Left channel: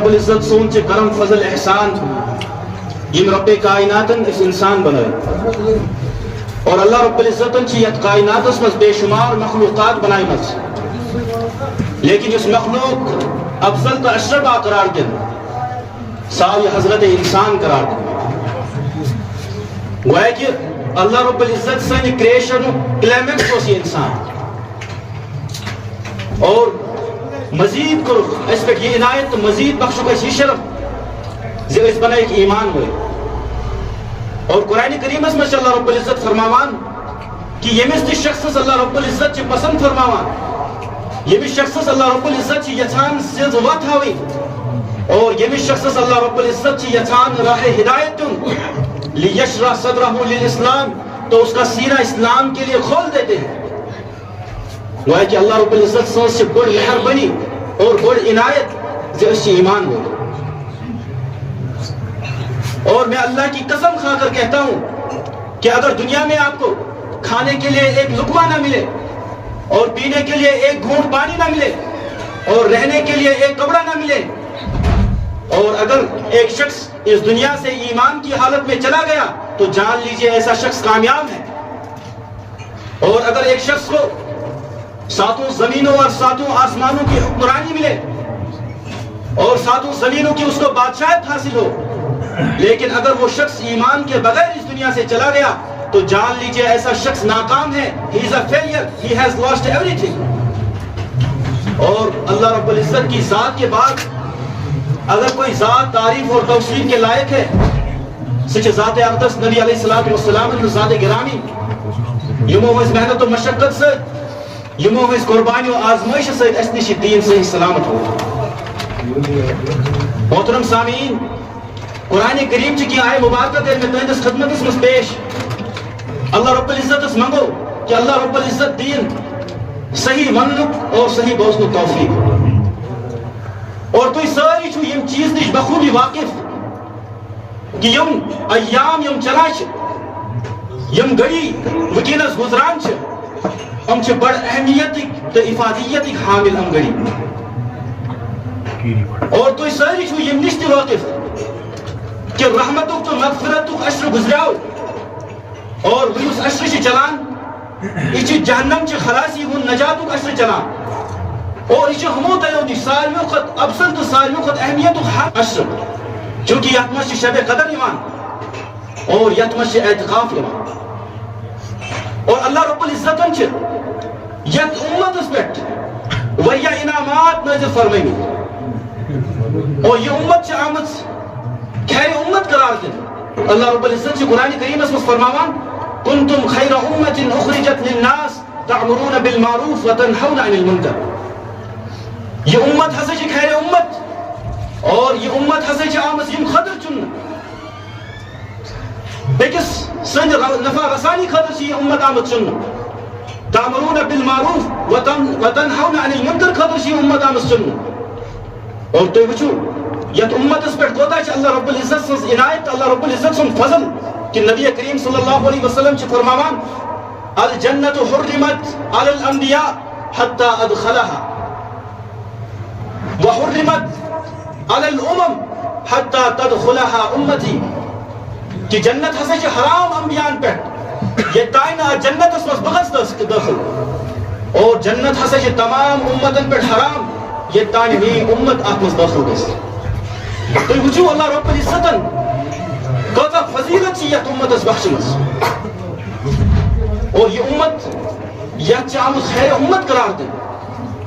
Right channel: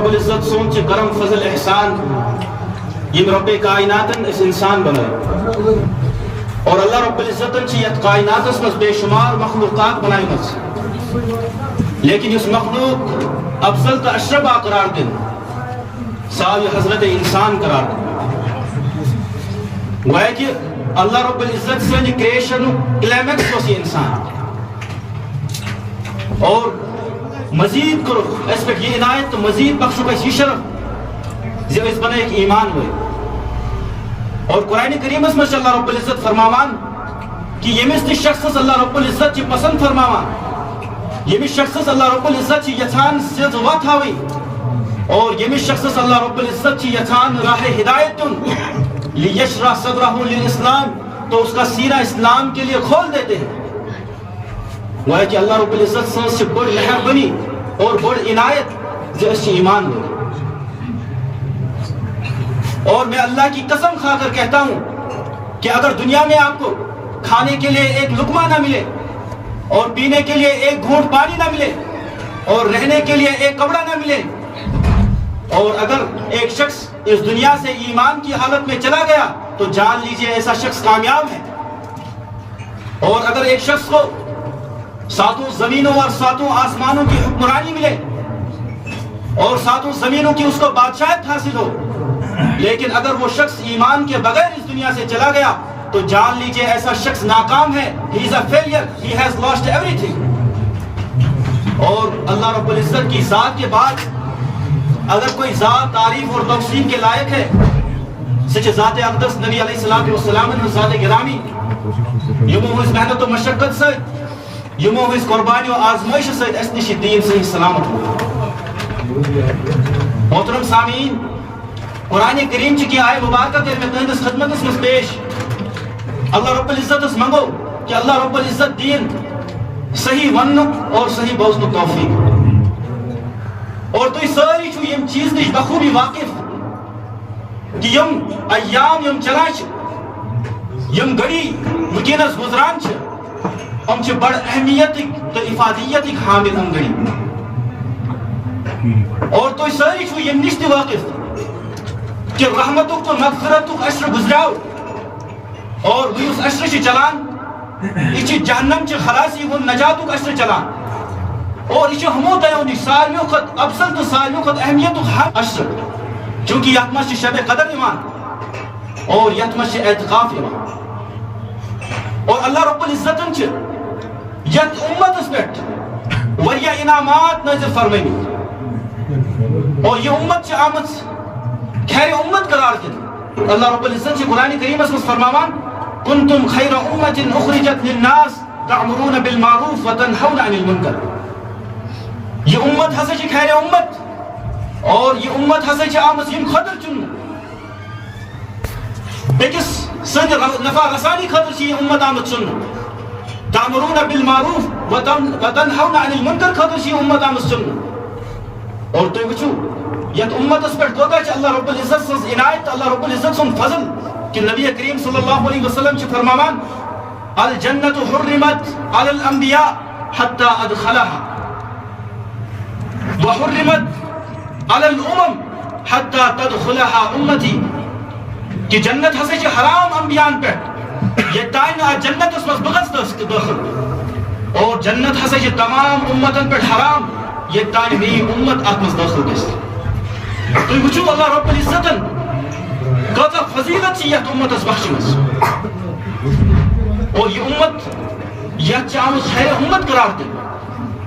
رب العزت سون چھ کرم فضل احسان یم رب کائناتن اس انسان بنائے اور اللہ رب العزتن چھ یت کائناتس مز بے شمار مخلوقات بنائی مز لیکن اس مخلوق افضل تو اشرف قرار دن سال حضرت انسان قرار دن وہ ہے کہ اللہ رب العزت سن کریشن کلیمیکس ہوسی انسان اور مزید کرو اس پہ یہ عنایت مزید بخشو کا یہ شرف زی اس بنا ایک ایمان ہوئے اور قرآن کریم اس میں اللہ رب العزت فرماوان کہ یمس شخص اللہ رب العزت چی پسند فرماوان یمس شخص اللہ رب العزت چی یچان سیز وات ہوئی اور یمس شخص اللہ رب العزت چی یچان راہ ہدایت دن لیشرح صدرہ للاسلام تو اس کا سینہ اسلام کے لیے کھول دیتے ہیں وہ ہے کہ اللہ رب العزت سن سے بڑ مہربانی اور بڑ عنایت زی اس ایمان ہوئی اور میں اللہ کی قسم کھا کر کہتا ہوں کہ اگر دنیا میں آپ کو کھانے کے لیے ایک لقمہ نہ ملے اور پینے کے لیے ایک گھونٹ پانی نہ ملے اور رہنے کے لیے ایک کپڑا نہ ملے اور اگر ایک شخص اس دنیا سے ایمان کی حالت میں چلا گیا تو جان لیجئے ایسا شخص کامیاب ہے اور اگر ایک شخص کو ساتوں زمینوں اور ساتوں آسمانوں کی حکمرانی ملے اور ساتوں زمینوں کی اس کو بادشاہت حاصل ہو لیکن اگر وہ شخص ایمان کے بغیر اس دنیا سے چلا گیا تو جان لیجئے ایسا شخص ناکام ہے he is a failure, he has lost everything اور اللہ رب العزت کی ذات کے بعد اگر کوئی ذات تعریف اور توصیف کے لائق ہے سچ ذات اقدس نبی علیہ السلام ذات گرامی یمو اس محنت و مشقت سے یمو اس قربانی و آزمائش سے اس نش دین سے سلامت ہو محترم سامعین قرآن کریم چکی آئے مبارکہ دل میں تہندس خدمت اس میں پیش اللہ رب العزت اس منگو کہ اللہ رب العزت دین صحیح ونک اور صحیح بوزنک توفیق اور تو ساری چھو یم چیز نش بخوبی واقف کہ یم ایام یم چلاش یم گڑی وکینس گزران چھ ہم چھ بڑ اہمیتک تو افادیتک حامل ہم گڑی اور تو ساری چھو یم نشتی واقف کہ رحمتک تو مغفرتک عشر گزراؤ اور بھی اس عشر چھ چلان اچھی جہنم چھ خلاصی ہن نجاتک عشر چلان اور اچھی ہمو دیونی سالیو خط افضل تو سالیو خط اہمیتک حق عشر چونکہ یتمش شب قدر ایمان اور یتمش اعتقاف ایمان اور اللہ رب العزتن چھ یت امت اس پیٹ وریا انعامات نازل فرمائی اور یہ امت چھ آمد خیر امت قرار دے اللہ رب العزت چھ قرآن کریم اس فرماوان کنتم خیر امت اخرجت للناس تعمرون بالمعروف وتنہون عن المنکر یہ امت ہسے چھ خیر امت اور یہ امت ہسے چھ آمد یم خطر چن بیکس سند نفع رسانی خطر چھ یہ امت آمد چن تعمرون بالمعروف وتنہون عن المنکر خطر چھ یہ امت آمد چن اور تو وچھو یت امت اس پر کوتا چھ اللہ رب العزت سن عنایت اللہ رب العزت سن فضل کہ نبی کریم صلی اللہ علیہ وسلم چھ فرماوان الجنت حرمت علی الانبیاء حتی ادخلها وحرمت علی الامم حتی تدخلها امتی کہ جنت ہسے چھ حرام انبیان پر یہ تائن جنت اس وقت بغض داخل اور جنت ہسے چھ تمام امتن پر حرام یہ تائن بھی امت اکمز داخل دیس تو وچھو اللہ رب العزتن کتا فضیلت چی یہ امت اس بخشنس اور یہ امت یہ چاہمس خیر امت قرار دے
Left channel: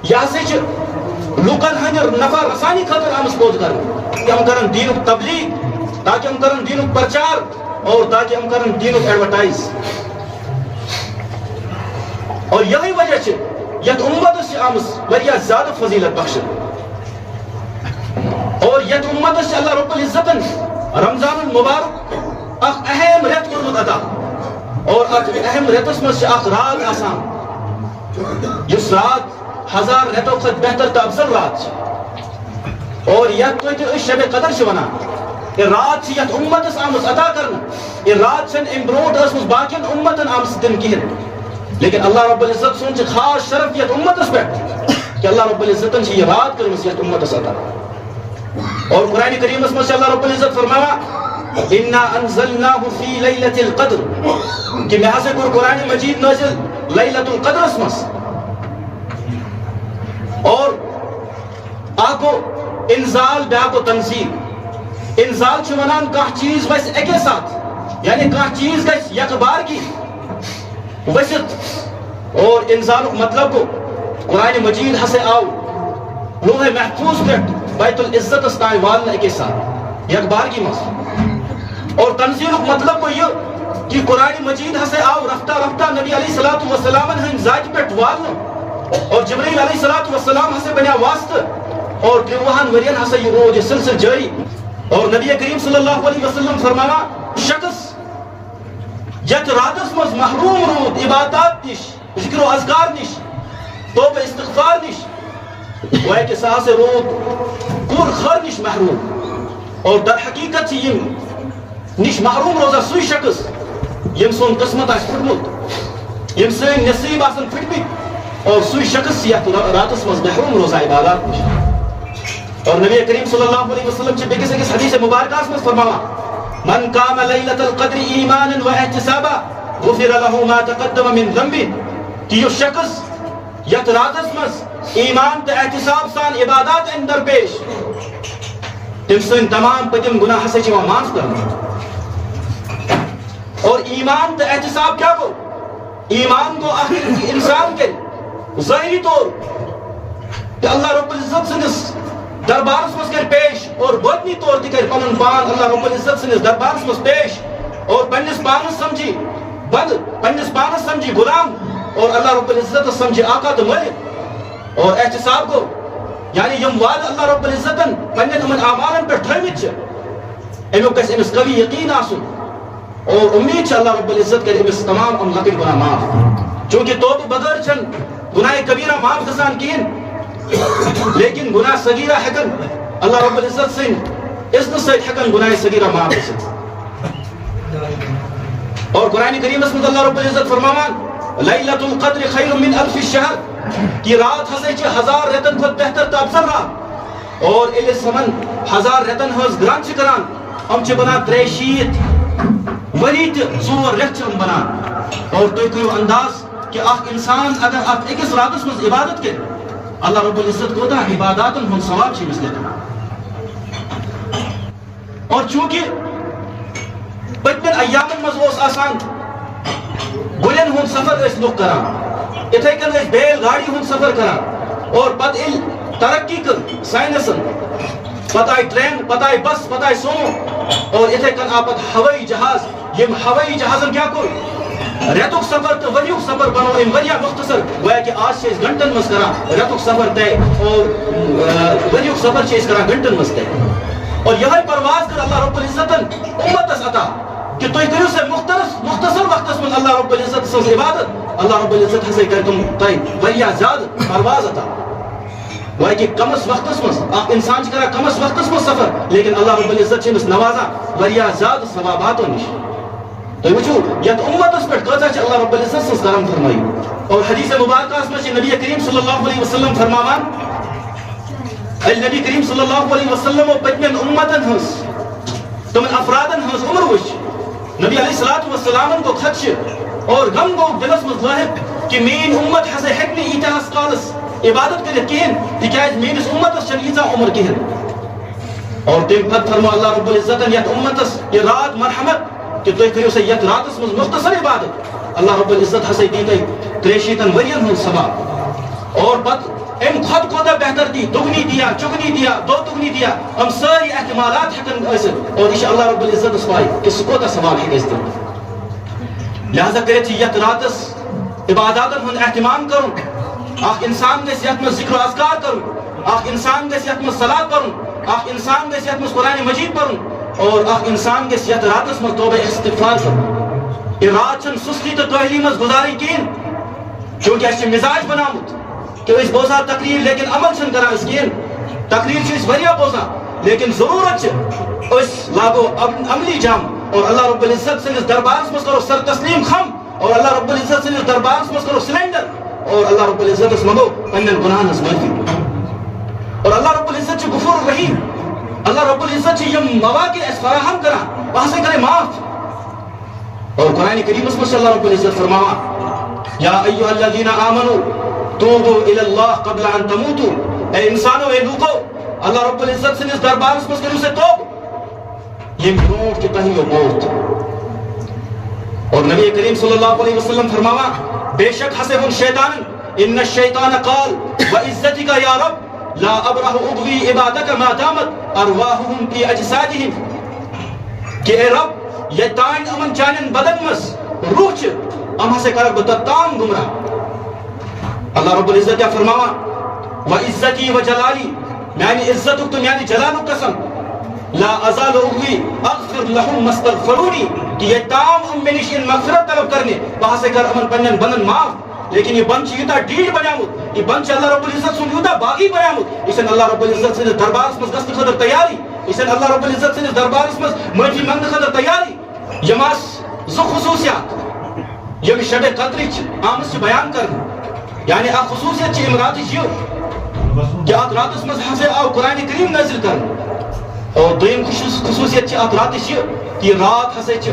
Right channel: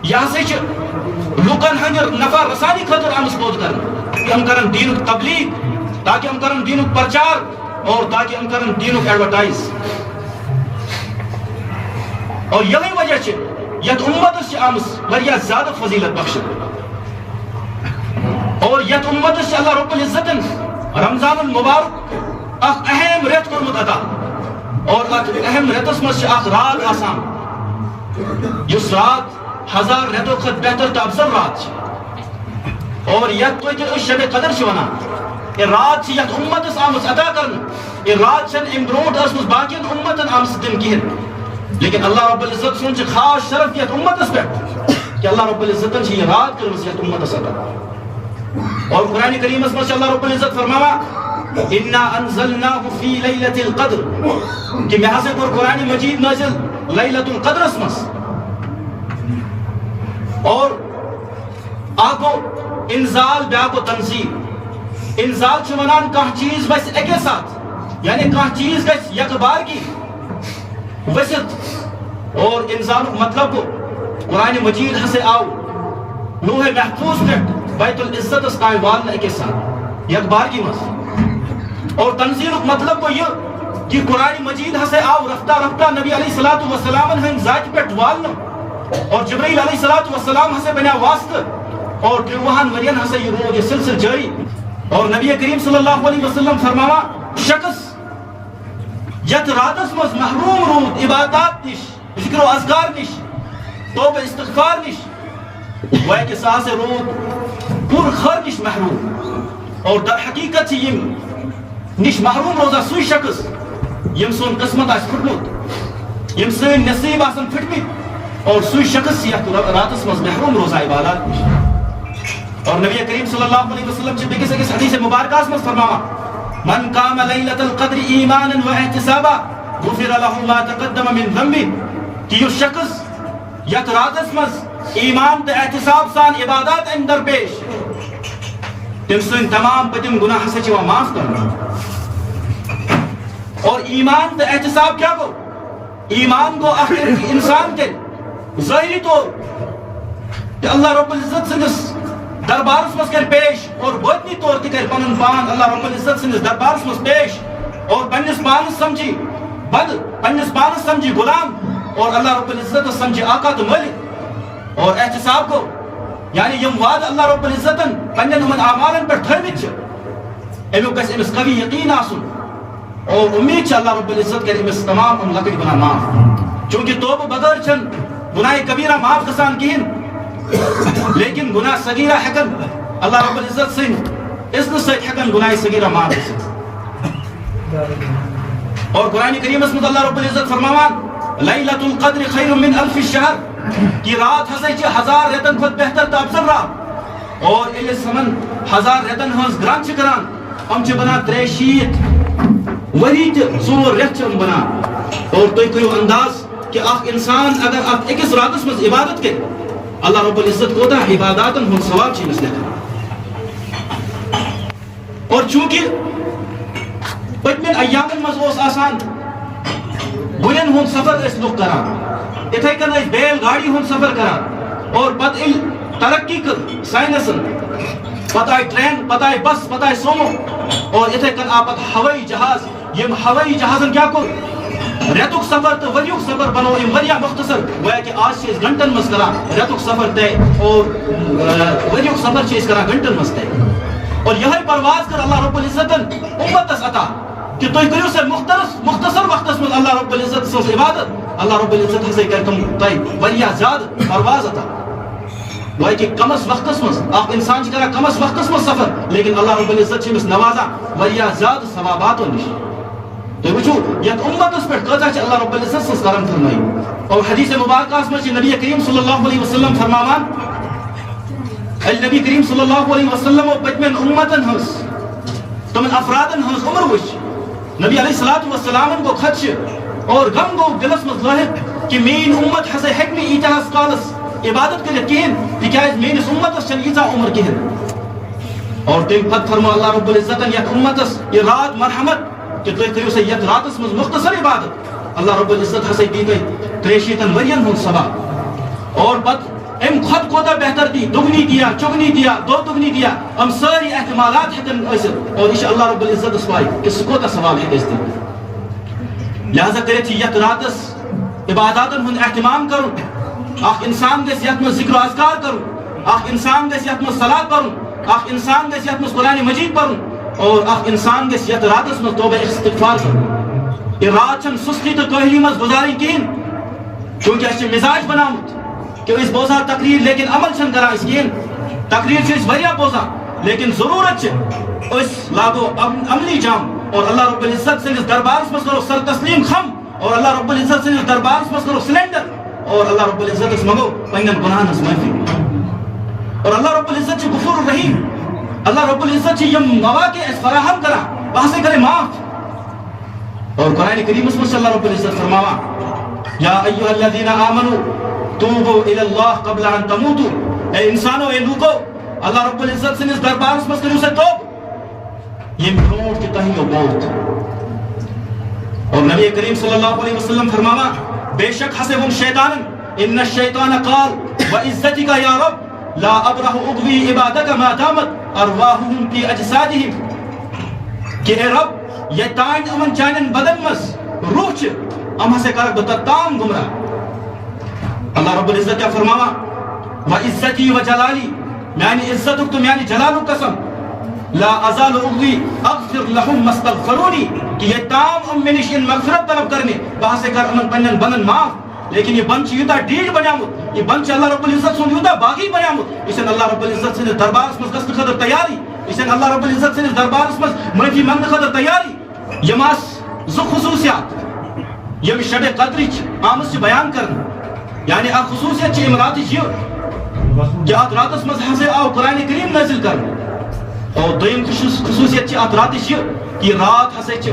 یہ سے چھ لوکن ہنر نفع رسانی خطر آمس بود کرنا کہ ہم کرن دینک تبلیغ تاکہ ہم کرن دینک پرچار اور تاکہ ہم کرن دینک ایڈورٹائز اور یہی وجہ چھ یہ امت اس آمس وریا زیادہ فضیلت بخشن اور یہ امت اس اللہ رب العزتن رمضان المبارک اخ اہم ریت کرمت عطا اور اہم ریتس مجھ اخ رات آسان جس رات ہزار ریتوں خط بہتر تا افضل رات اور یہ کوئی تو اس شب قدر شونا یہ رات چھ یہ امت اس آمس عطا کرنا یہ رات چن امبروٹ اس مجھ باقین امتن آمس دن کہن لیکن اللہ رب العزت سن چھ خاص شرف یہ امت اس پہ کہ اللہ رب العزتن چھ یہ رات کرمس یہ امت اس عطا اور قرآن کریم میں اللہ رب العزت فرماوا اِنَّا أَنزَلْنَاهُ فِي لَيْلَةِ الْقَدْرِ کہ میں ہسے کور قرآن مجید نازل لیلۃ القدر اسمس اور آگو انزال بیاکو تنزیل انزال چھو منان کہاں چیز ویسے ایک ساتھ یعنی کہاں چیز گیس یک بار کی ویسے اور انزال مطلب کو قرآن مجید ہسے آو لوح محفوظ پیٹ بیت العزت استائے والنا ایک ساتھ یک بار کی مس اور تنزیل مطلب کو یہ کہ قرآن مجید ہسے آو رفتہ رفتہ نبی علیہ السلام ہن ذات پیٹ والنا اور جبریل علیہ السلام ہسے بنا واسطہ اور وہاں ورین ہسے یہ روج سلسل جاری اور نبی کریم صلی اللہ علیہ وسلم فرماوا شخص یت راتس مز محروم رود عبادات نش ذکر و اذکار نش توبہ استغفار نش وہ کہ سا سے رود پور خر نش محروم اور در حقیقت سے یم نش محروم روزہ سوی شخص یم سون قسمت آس پھٹمت یم سن نصیب آسن پھٹمت اور سوی شخص یت راتس مز محروم روزہ عبادات نش اور نبی کریم صلی اللہ علیہ وسلم سے بکس ایک حدیث مبارکہ اس میں فرماوا من قام لیلۃ القدر ایمانا واحتسابا غفر له ما تقدم من ذنبه کہ یہ شخص یت راتس مز ایمان تے احتساب سان عبادات اندر پیش تم سن تمام پتم گناہ سے چوا معاف کرنا اور ایمان تے احتساب کیا کو ایمان کو آخر انسان کے ظاہری طور کہ اللہ رب العزت سنس دربارس مز کر پیش اور باطنی طور تے کر پنن پان اللہ رب العزت سنس دربارس مز پیش اور پنس پانس سمجھی بد پنس پانس سمجھی غلام اور اللہ رب العزت سمجھی آقا تو ملک اور احتساب کو یعنی یم وعد اللہ رب العزت پنن من اعمالن پر تھرمت چھ امیو کس امس قوی یقین آسن اور امید چھ اللہ رب العزت کر امس تمام ام لکٹ گناہ معاف چونکہ توبہ بغیر چن گناہ کبیرہ معاف گسان کین لیکن گناہ صغیرہ حکن اللہ رب العزت سن اذن سے حکن گناہ صغیرہ معاف گسان اور قرآن کریم اس میں اللہ رب العزت فرماوان لیلۃ القدر خیر من الف الشہر کی رات ہزے چھ 1000 رتن خود بہتر تا افضل رہا اور الی سمن 1000 رتن ہز گران چھ کران ہم چھ بنا 63 ولید زور رت ہم بنا اور تو کوئی انداز کہ آپ انسان اگر آپ ایک اس رات میں عبادت کے اللہ رب العزت کوتا عبادات ہم ثواب چھ مثل اور چونکہ پتمن ایامن مز اوس آسان گلن ہند سفر اس لوگ کران اتھے کن اس بیل گاڑی ہند سفر کران اور پتہ ترقی کر سائنسن پتہ ٹرین پتہ بس پتہ سومو اور اتھے کن آپ ہوائی جہاز یم ہوائی جہازن کیا کر ریتک سفر تو وریک سفر بنو ام وریا مختصر گویا کہ آج سے گھنٹن مز کران ریتک سفر تے اور وریک سفر چیز کران گھنٹن مز تے اور یہ پرواز کر اللہ رب العزت امت اس عطا کہ تو کرو سے مختصر وقت میں اللہ رب العزت سے عبادت اللہ رب العزت سے کر تم تائی وریا زیاد پرواز عطا وہ کہ کم اس وقت میں آپ انسان کرا کم اس وقت میں سفر لیکن اللہ رب العزت سے نوازا وریا زیاد ثوابات و نش تو وچھو یہ امت اس پر قضا چھ اللہ رب العزت سے کرم فرمائی اور حدیث مبارکہ اس میں نبی کریم صلی اللہ علیہ وسلم فرماوان النبی کریم صلی اللہ علیہ وسلم و پتمن امتن ہنس تمن افرادن ہنس عمر وش نبی علیہ السلام کو خدش اور غم گو دلس مز ظاہر کہ مین امت ہسے حکم ایتاس قالس عبادت کے کہن تکیاز مینس امت چن ایزا عمر کہن اور تم پت فرما اللہ رب العزت یت امتس یہ رات مرحمت کہ تو کریو سے یت راتس مز مختصر عبادت اللہ رب العزت ہسے دیتے 63 ورین ہن سبا اور پت ام خود کوتا بہتر دی دگنی دیا چگنی دیا دو دگنی دیا ہم ساری احتمالات حکن ایسر اور انشاءاللہ رب العزت اسوائی کہ سکوتا ثواب ہے اس دن لہذا کرے چی یت راتس عباداتن ہن اہتمام کروں آخ انسان دے سیات میں ذکر و اذکار کروں آخ انسان دے سیات میں صلاة پڑھوں آخ انسان دے سیات میں قرآن مجید پڑھوں اور آخ انسان دے سیات راتس میں توبہ استغفار کروں یہ رات چن سستی تو کہلی مز گزاری کین کیونکہ ایسے مزاج بنامت کہ اس بوزا تقریر لیکن عمل چھن کرا اس کین تقریر سے اس بھریا بوزا لیکن ضرورت چھے اس لاگو عملی جام اور اللہ رب العزت سے اس دربار میں کرو سر تسلیم خم اور اللہ رب العزت سے اس دربار میں کرو سلینڈر اور اللہ رب العزت اس مگو پنگن گناہ نس مرفی اور اللہ رب العزت چھے غفور الرحیم اللہ رب العزت یہ مواقع اس فراہم کرا وہاں سے کرے معاف. اور قرآن کریم میں اللہ رب العزت فرماوا یا ایھا الذین آمنوا توبوا الی اللہ قبل ان تموتوا. اے انسانو اے لوگو اللہ رب العزت سے اس دربار میں کرو سے توب یہ برونٹ کی تہی و موت. اور نبی کریم صلی اللہ علیہ وسلم فرماوا بے شک حسب الشیطان ان الشیطان قال وعزتک یا رب لا ابرح اغوی عبادک ما دامت ارواحهم فی اجسادهم کہ اے رب یہ تائن امن چانن بدن مس روح چھ ام ہسے کر بتتام گمراہ. اللہ رب العزت کیا فرماوا وعزتی وجلالی میانی عزتک تو میانی جلالک قسم لا ازال اغوی اغفر لهم مستغفرونی کہ یہ تام ام منش ان مغفرت طلب کرنے وہاں سے کر امن پنن بنن معاف. لیکن یہ بنچ یوتا ڈیل بنیامت یہ بنچ اللہ رب العزت سن یوتا باغی بنیامت اسن اللہ رب العزت سے دربار اس مز گست خطر تیاری اسن اللہ رب العزت سے دربار اس مز معافی منگ خطر تیاری. یماس زو خصوصیات یم شب قدرچ آمس سے بیان کرنا یعنی آ خصوصیت چھ امرات یہ کہ آت رات اس مز حفظ آو قرآن کریم نازل کرنا. اور دویم خصوصیت چھ آت رات یہ کہ رات حسے چھ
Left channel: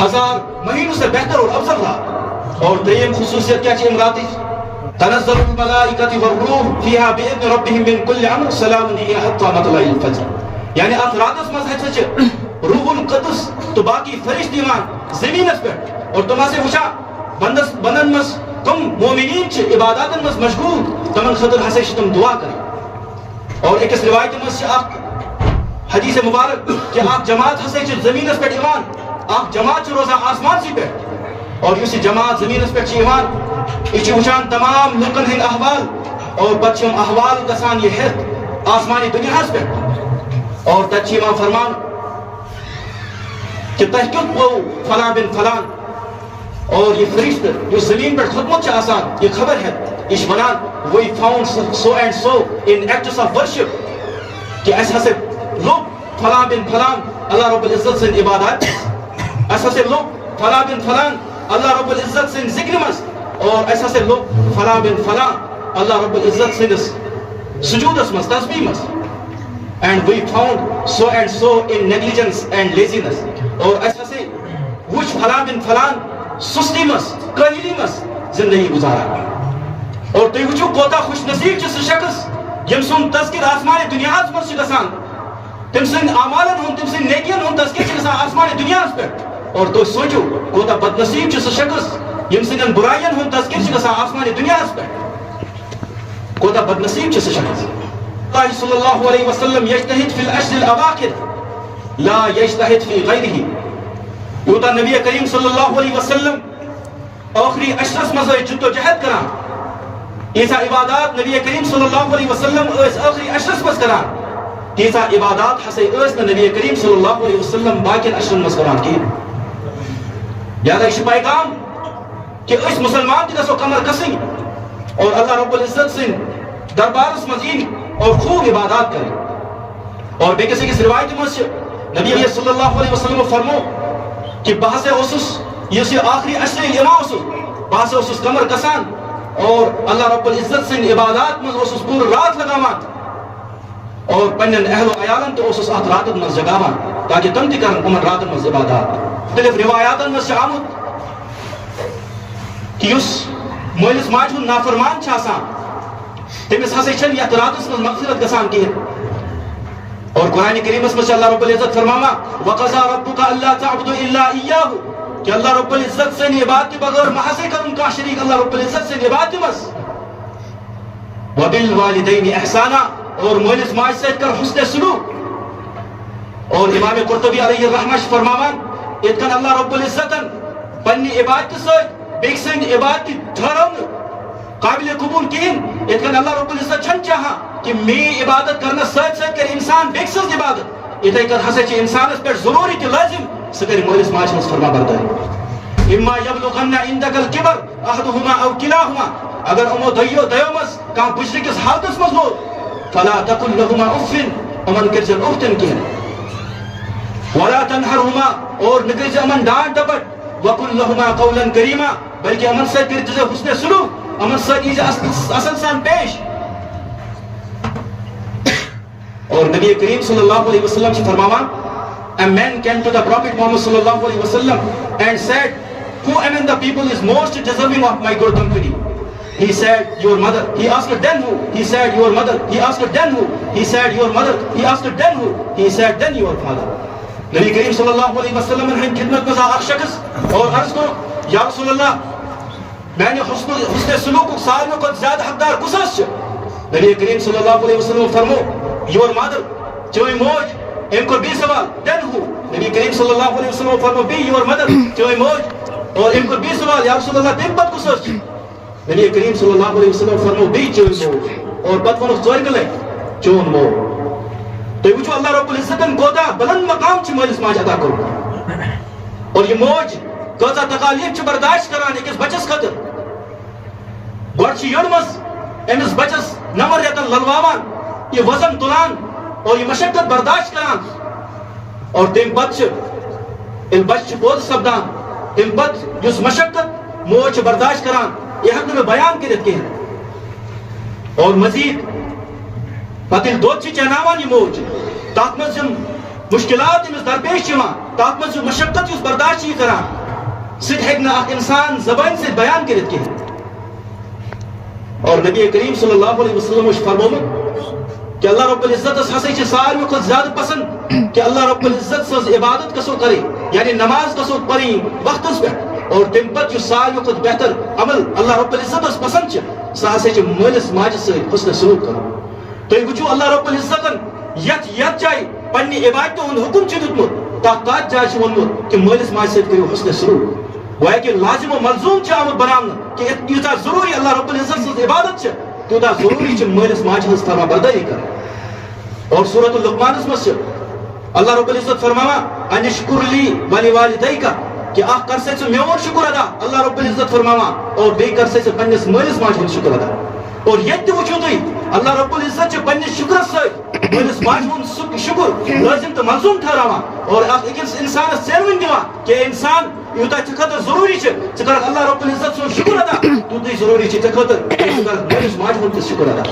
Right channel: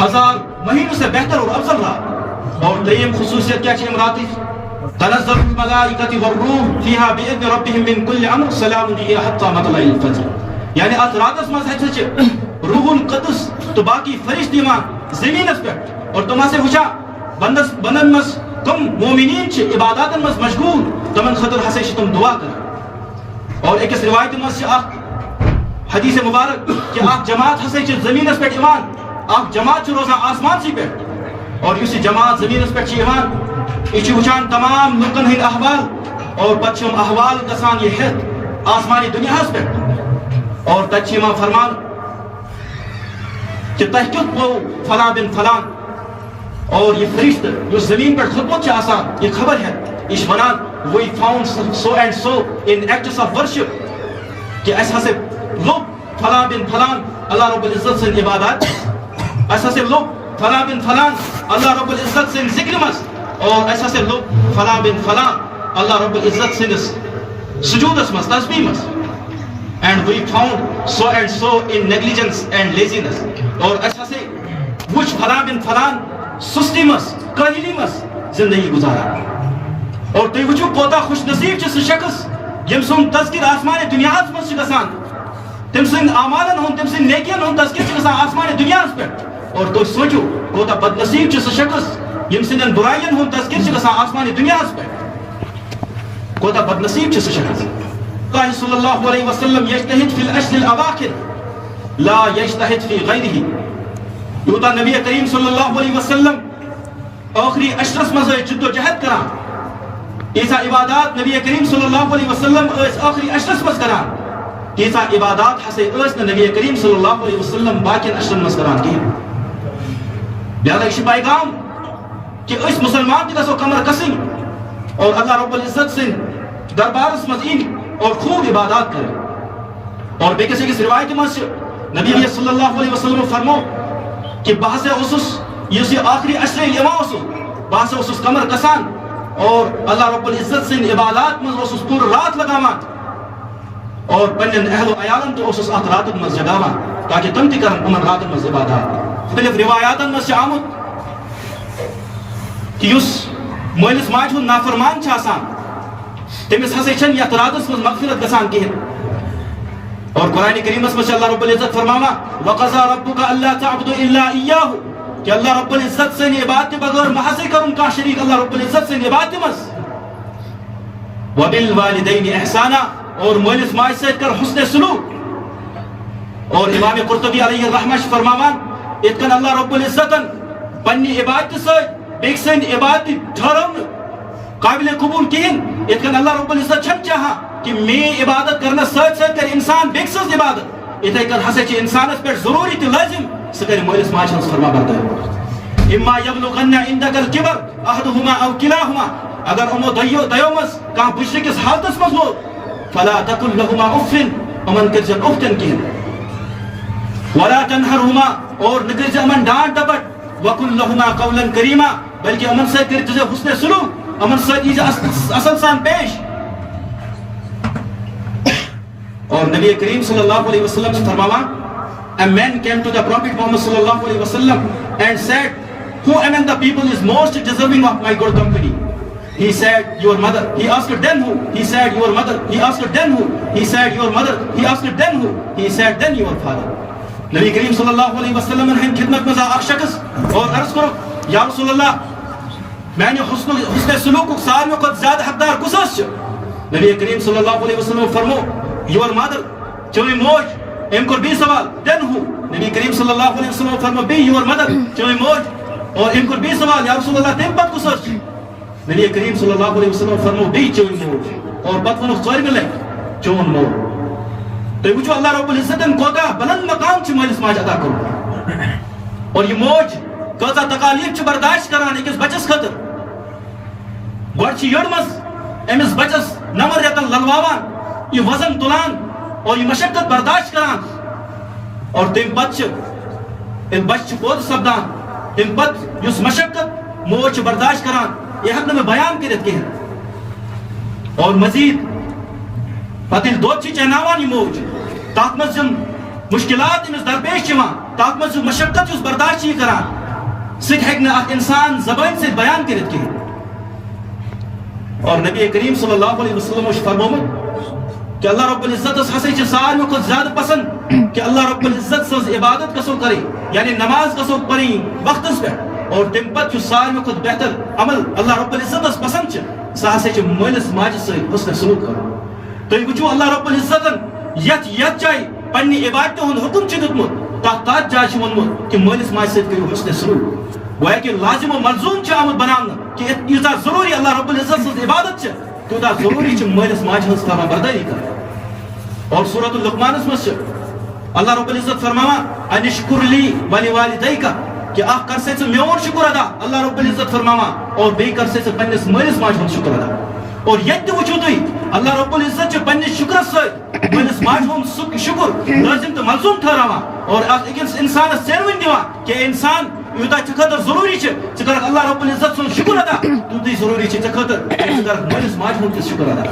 1000 مہینوں سے بہتر اور افضل رات. اور دریم خصوصیت کیا چھ امراتی تنزل الملائکۃ والروح فیہا باذن ربہم من کل امر سلام ہی حتی مطلع الفجر. یعنی ات راتس مز ہے روح القدس تو باقی فرشت ایمان زمینس پہ اور تم سے وچھا بندن مز تم مومنین چھ عباداتن مز مشغول تمن خطر ہسے تم دعا کر. اور ایک روایت مز اخ حدیث مبارک کہ آپ جماعت ہسے زمینس پہ ایمان آپ جماعت روزہ آسمان سی پہ اور یہ جماعت زمین اس پہ ایمان یہ وچان تمام لوکن ہند احوال اور پچھم احوال گسان یہ ہت آسمانی دنیا اس پہ اور تچ امام فرمان کہ تحقیق کو فلان بن فلان اور یہ فرشت جو زمین پر خدمت چاہ آسان یہ خبر ہے اس ونان we found so and so in acts of worship کہ ایسا سے لوگ فلان بن فلان اللہ رب العزت سے عبادات ایسا سے لوگ فلان بن فلان اللہ رب العزت سے ذکر مز اور ایسا سے لوگ فلان بن فلان اللہ رب العزت سے سجود مز تسبیح مز and we found so and so in negligence and laziness اور ایسا سے وچ فلان بن فلان سستی مز کاہلی مز زندگی گزارا. اور تُہۍ وٕچھِو کوتاہ خوش نصیب چھُ سُہ شخص ییٚمۍ سُنٛد تذکر آسمانہِ دُنیاہس منٛز چھُ گژھان تٔمۍ سٕنٛدۍ اعمالن ہُنٛد تٔمۍ سٕنٛدۍ نیکین ہُنٛد تذکر چھُ گژھان آسمانہِ دُنیاہس پٮ۪ٹھ. اور تُہۍ سوٗنٛچِو کوتاہ بد نصیب چھُ سُہ شخص ییٚمۍ سٕنٛدٮ۪ن بُرایَن ہُنٛد تذکر چھُ گژھان آسمانہِ دُنیاہس پٮ۪ٹھ. کوتاہ بد نصیب چھُ سُہ شخص. اللہ صلی اللہ علیہ وسلم یجتہد فی العشر الاواخر لا یجتہد فی غیرہ. یوتاہ نبی کریم صلی اللہ علیہ وسلم آخری عشرس منٛز ٲسۍ جد و جہد کران ییٖژاہ عبادات نبی کریم صلی اللہ علیہ وسلم ٲسۍ آخری عشرس منٛز کران تیٖژاہ عبادات ہسا ٲسۍ نہٕ نبی کریم صلی اللہ علیہ وسلم باقین عشرن منٛز کران کِہیٖنۍ. لہذا یہِ چھُ پیغام کہ أسۍ مسلمان تہِ گژھو کمر کسٕنۍ اور اللہ رب العزت سٕنٛدۍ دربارس منٛز یِنۍ اور خوب عبادات کریں. اور بیٚکِس أکِس روایتہِ منٛز چھِ نبی صلی اللہ علیہ وسلم فرمو کہ بہٕ ہسا اوسُس یُس یہِ آخری عشرِ ییٚلہِ یِوان اوسُس بہٕ ہسا اوسُس کمر کسان اور اللہ رب العزت سٕنٛدۍ عبادات منٛز اوسُس پوٗرٕ رات لگاوان اور پنٛنٮ۪ن اہل و عیالن تہِ اوسُس اتھ راتن منٛز جگاوان تاکہ تِم تہِ کرن یِمن راتن منٛز عبادات. مختلف روایاتن منٛز چھُ آمُت کہ یُس مٲلِس ماجہِ ہُنٛد نافرمان چھُ آسان تٔمِس ہسا چھنہٕ یتھ راتس منٛز مغفرت گژھان کِہیٖنۍ. اور قرآن کریمس منٛز چھُ اللہ رب العزت فرماوان وَقَضَىٰ رَبُّكَ أَلَّا تَعْبُدُوا إِلَّا إِيَّاهُ کہ اللہ رب العزت سٕنٛدِ عبادتہِ بغٲر مہ ہسا کرُن کانٛہہ شریٖک اللہ رب العزت سٕنٛدِ عبادتہِ منٛز. وَبِالْوَالِدَيْنِ إِحْسَانًا اور مٲلِس ماجہِ سۭتۍ کر حُسنِ سلوٗک. اور امام قرطبی علیہ الرحمہ چھُ فرماوان یِتھ کٔنۍ اللہ رب العزتن پننہِ عبادتہِ سۭتۍ بیٚکہِ سٕنٛدِ عبادتہِ ٹھہرو نہٕ قابلِ قبوٗل کِہیٖنۍ یِتھ کٔنۍ اللہ رب العزت چھنہٕ چاہان کہ میٲنۍ عبادت کرنس سۭتۍ سۭتۍ کرِ انسان بیٚکہِ سٕنٛز عبادت. یِتھے کٔنۍ ہسا چھِ انسانس پٮ۪ٹھ ضروٗری تہِ لٲزِم سُہ کرِ مٲلِس ماجہِ ہٕنٛز فرما بردٲری. اِما یبلغن عندک الکبر احدہما او کلاہما اگر یِمو دۄیو منٛز کانٛہہ بُجرٕکِس حالتس منٛز لوگ فلا تقل لہما اف یِمن کٔرزِ اف تہِ نہٕ کِہیٖنۍ. ولا تنہرہما اور نہٕ کٔرزِ یِمن ڈانٹ ڈپٹ وقل لہما قولا کریما بلکہ یِمن سۭتۍ کٔرِتھ دِزِ حُسنِ سلوٗک یِمن سۭتۍ ییٖزِ اصل سان پیش. اور نبی کریم صلی اللہ علیہ وسلم سے فرماوا a man came to the Prophet Muhammad sallallahu alaihi wasallam and said, who among the people is most deserving of my good company? He said, your mother. He asked, then who? He said, your mother. He asked, then who? He said, your mother. He asked, then who? He said, then your father. نبی کریم صلی اللہ علیہ وسلم نے خدمت میں اخ شخص اور عرض کرو یا رسول اللہ میں نے حسن سلوک ساروی کو زیادہ حقدار کس نبی کریم صلی اللہ علیہ وسلم فرمو your mother چوئی موج ام کو بی سوال then who نبی کریم صلی اللہ علیہ وسلم فرمو be your mother چوئی موج اور ام کو بی سوال یا رسول اللہ تم پت کس نبی کریم صلی اللہ علیہ وسلم فرمو بی چوئی موج اور پت ونو ژور ملے چون موج تو وچھو اللہ رب العزتن کوتا بلند مقام چھ مالس ماج عطا کرو اور یہ موج کوتا تکالیف چھ برداشت کران ایکس بچس خاطر گوڑ چھ یڑ مز امس بچس نمر ریتن للواوان یہ وزن تلان اور یہ مشقت برداشت کران اور تم پت چھ بچ چھ پود سپدان تم پت یس مشقت موج چھ برداشت کران یہ حق میں بیان کرت کہ اور مزید پتہ دود چھ چناوان یہ موج تات مز مشکلات امس درپیش چوان تات مز مشقت اس برداشت یہ کران سٹ ہیک نہ اخ انسان زبان سے بیان کرت کہ اور نبی کریم صلی اللہ علیہ وسلم نے فرموت کہ اللہ رب العزت اس ہسے چھ ساروی کو زیادہ پسند کہ اللہ رب العزت سز عبادت کسو کرے یعنی نماز کسو پڑھی وقت پہ اور تم پت ساروی کو بہتر عمل اللہ رب العزت اس پسند چھ سہ ہسے چھ مالس ماجہ سے حسن سلوک کرو تو وچھو اللہ رب العزتن یت جائے پنی عبادت ہند حکم چھ دتمت تات جائے چھ ونمت کہ مالس ماجہ سے کرو حسن سلوک گویا کہ لازم و ملزوم چھ آمد بنانا کہ یوتاہ ضروری اللہ رب العزت سز عبادت چھ تیوتاہ ضروری چھ مالس ماجہ ہنز فرما برداری کر اور سورۃ اللقمان مز اللہ رب العزت فرماوا انشکر لی ولی والدیک کہ اخ کر سے میون شکر ادا اللہ رب العزت فرماوا اور بی کر سے پنس مالس ماجہ ہند شکر ادا اور یت وچھو تھی اللہ رب العزت چھ پنس شکر ست مالس ماجہ ہند شکر لازم تو ملزوم ٹھہراوا اور اکس انسان سیروین دِوان کہ انسان یوتاہ ژےٚ خٲطرٕ ضروٗری چھِ ژٕ کَرکھ اللہ رب العزت سُنٛد شُکر ادا تیوٗتٕے ضروٗری چھِ ژےٚ خٲطرٕ ژٕ کَرکھ مٲلِس ماجہِ ہُنٛد تہِ شُکر ادا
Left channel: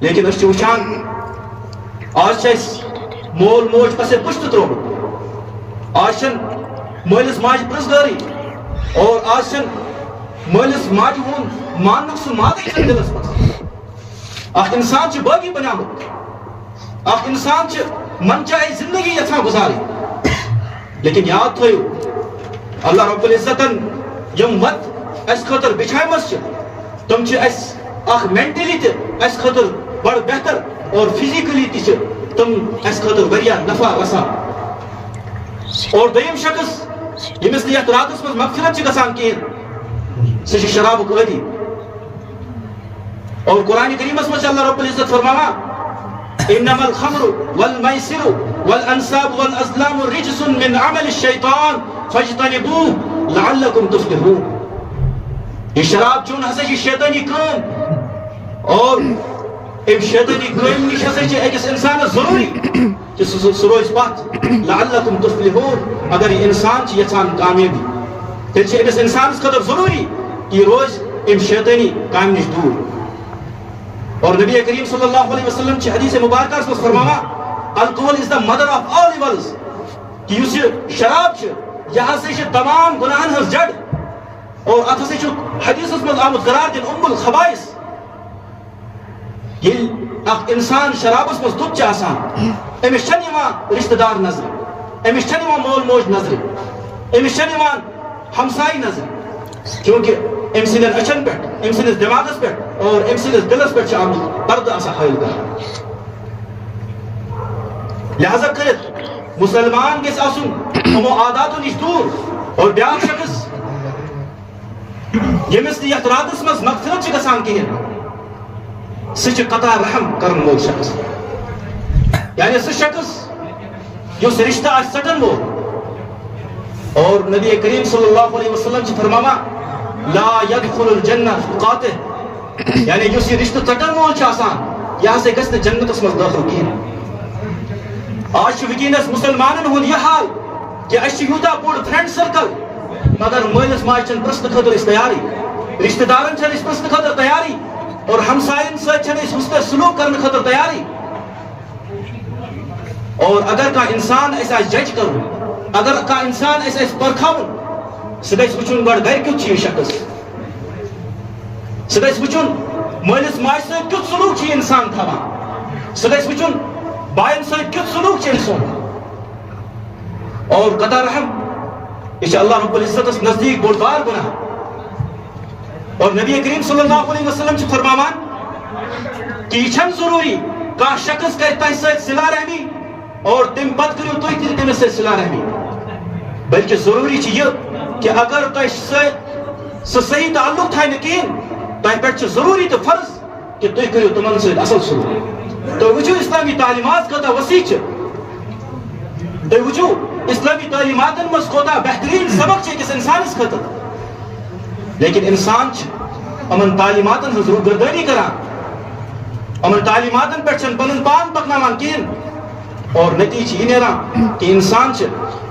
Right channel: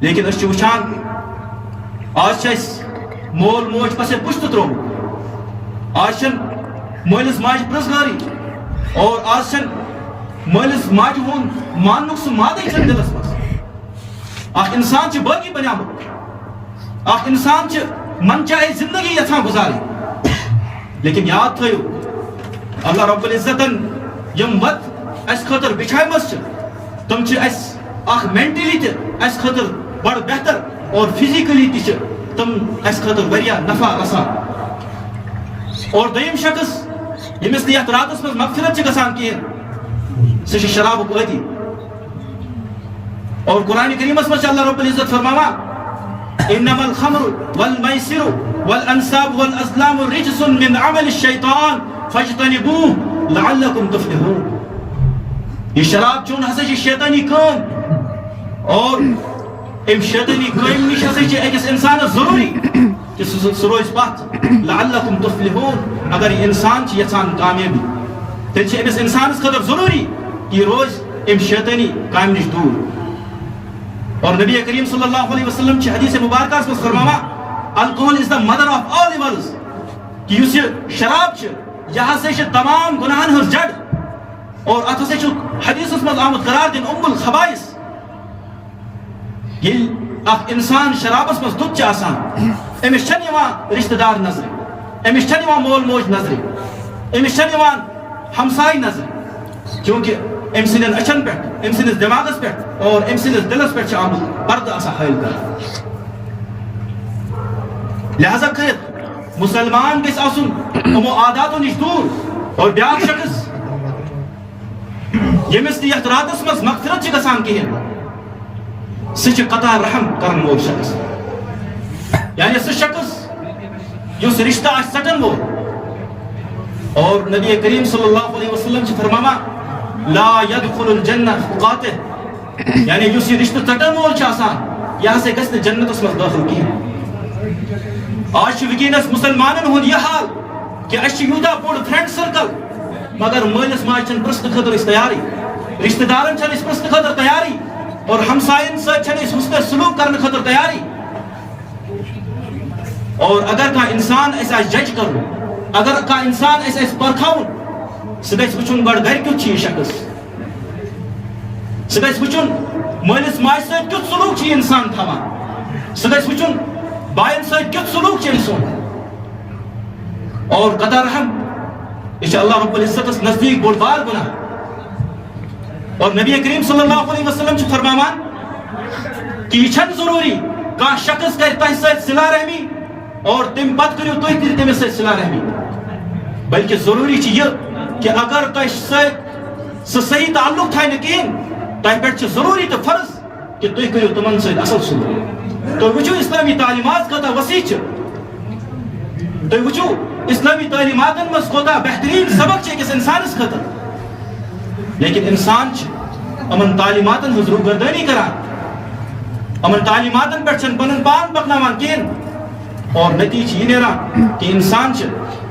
لیکن أسۍ چھِ وٕچھان آز چھِ اَسہِ مول موج پَسے پُشتہٕ ترٛوومُت آز چھَنہٕ مٲلِس ماجہِ پرٛژھگٲرٕے اور آز چھَنہٕ مٲلِس ماجہِ ہُنٛد ماننُک سُہ مادٕے چھَنہٕ دِلس منٛز اکھ اِنسان چھُ بٲقی بنیومُت اکھ اِنسان چھُ من چاہے زندگی یژھان گُزارٕنۍ لیکن یاد تھو اللہ رب العزتن یم وت اس خاطر بچھائمس تم اس اخ مینٹلی تہ اس خاطر بڑ بہتر اور فزیکلی تہ تم اس خاطر واریاہ نفع رسان اور دویم شخص یمس یت راتس مز مغفرت گژھان کہین سہ شرابک عادی اور قرآن کریمس مز اللہ رب العزت فرماوا انما الخمر والمیسر والانصاب والازلام رجس من عمل الشیطان فاجتنبوه لعلکم تفلحون یہ شراب چون ہسا چھ شیطانی کام اور ام شیطانی کام نش ہسا چھ اکس انسان ضروری کہ سہ روز پتھ لعلکم تفلحون اگر یہ انسان چھ یژھان کامیابی تیل چھ اکس انسانس خاطر ضروری کہ یہ روز ام شیطانی کام نش دور اور نبی کریم صلی اللہ علیہ وسلم چھ حدیث مبارکہ اس میں فرماوا alcohol is the mother of all evils کہ اس شراب چھ یہاں سے تمام گناہن ہز جڑ اور ات ہسا چھ حدیث اس میں آمد قرار دن ام الخبائث یل اخ انسان شرابس مز دُت چھ آسان امس چھن یوان رشتہ دار نظر امس چھن یوان مول موج نظر امس چھن یوان ہمسائی نظر کیونکہ ام سندن اچھن پہ ام سندس دماغس پہ اور ام سندس دلس پہ آمد پردہ آسا حائل کر لہذا کرت مسلمان گژھِ آسُن یِمو عاداتو نش دور اور بیاکھ شخص ییٚمِس نہٕ یتھ راتس منٛز مغفرت چھِ گژھان کہیٖنۍ سُہ چھُ قطع رحم کرن وول شخص یعنی سُہ شخص یُس رشتہ آسہِ ژٹن وول اور نبی کریم صلی اللہ علیہ وسلم چھِ فرماوان لا يدخل الجنہ قاطع یعنی یُس یہ رشتہ ژٹن وول چھُ آسان یہِ ہسا گژھِ نہٕ جنتس منٛز دٲخل کہیٖنۍ آج وکینس مسلمانن ہند یہ حال کہ اس یوتاہ بوڑ فرینڈ سرکل مگر مالس ماجہ چھن پرسن خاطر اس تیاری رشتہ دارن چھن اس پرسن خاطر تیاری اور ہمسائن ست حسن سلوک کرنے خاطر تیاری اور اگر کا انسان ایسا جج کرو اگر کا انسان ایسا پرکھاؤن سہ گژھِ وچھُن گۄڈٕ گھرِ کیُتھ چھُ یہِ شخص سہ گژھِ وچھُن مٲلِس ماجہِ سۭتۍ کیُتھ سلوک چھُ یہِ انسان تھاوان سہ گژھِ وچھُن بایَن سۭتۍ کیُتھ سلوک چھُ أمۍ سُنٛد اور قطع رحم یہ چھُ اللہ رب العزتس نزدیک بوٚڑ بار گناہ اور نبی کریم صلی اللہ علیہ وسلم چھُ فرماوان کہ یہ چھنہٕ ضروری کانٛہہ شخص کرِ تۄہہِ سۭتۍ صلہ رحمی اور تم پتہٕ کٔرِو تُہۍ تہِ تٔمِس سۭتۍ صلہ رحمی بلکہ ضروری چھُ یہِ کہ اگر تۄہہِ سۭتۍ سُہ صحیح تعلق تھایہِ نہٕ کِہیٖنۍ تۄہہِ پٮ۪ٹھ چھُ ضروری تہٕ فرض کہ تُہۍ کٔرِو تِمن سۭتۍ اصل سلوک تُہۍ وٕچھِو اسلامی تعلیمات کوتاہ وسیع چھِ تُہۍ وٕچھِو اسلامی تعلیماتن منٛز کوتاہ بہترین سبق چھِ أکِس انسانس خٲطرٕ لیکن انسان چھِ یِمن تعلیماتن ہٕنٛز روگردٲنی کران یِمن تعلیماتن پٮ۪ٹھ چھنہٕ پنُن پان پکناوان کِہیٖنۍ اور نتیجہ چھُ یہِ نیران کہ انسان چھِ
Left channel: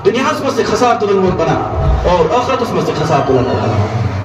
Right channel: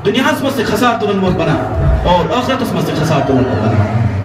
دنیاہس منٛز تہِ خسار تُلن وول بنان اور ٲخرتس منٛز تہِ خسار تُلن وول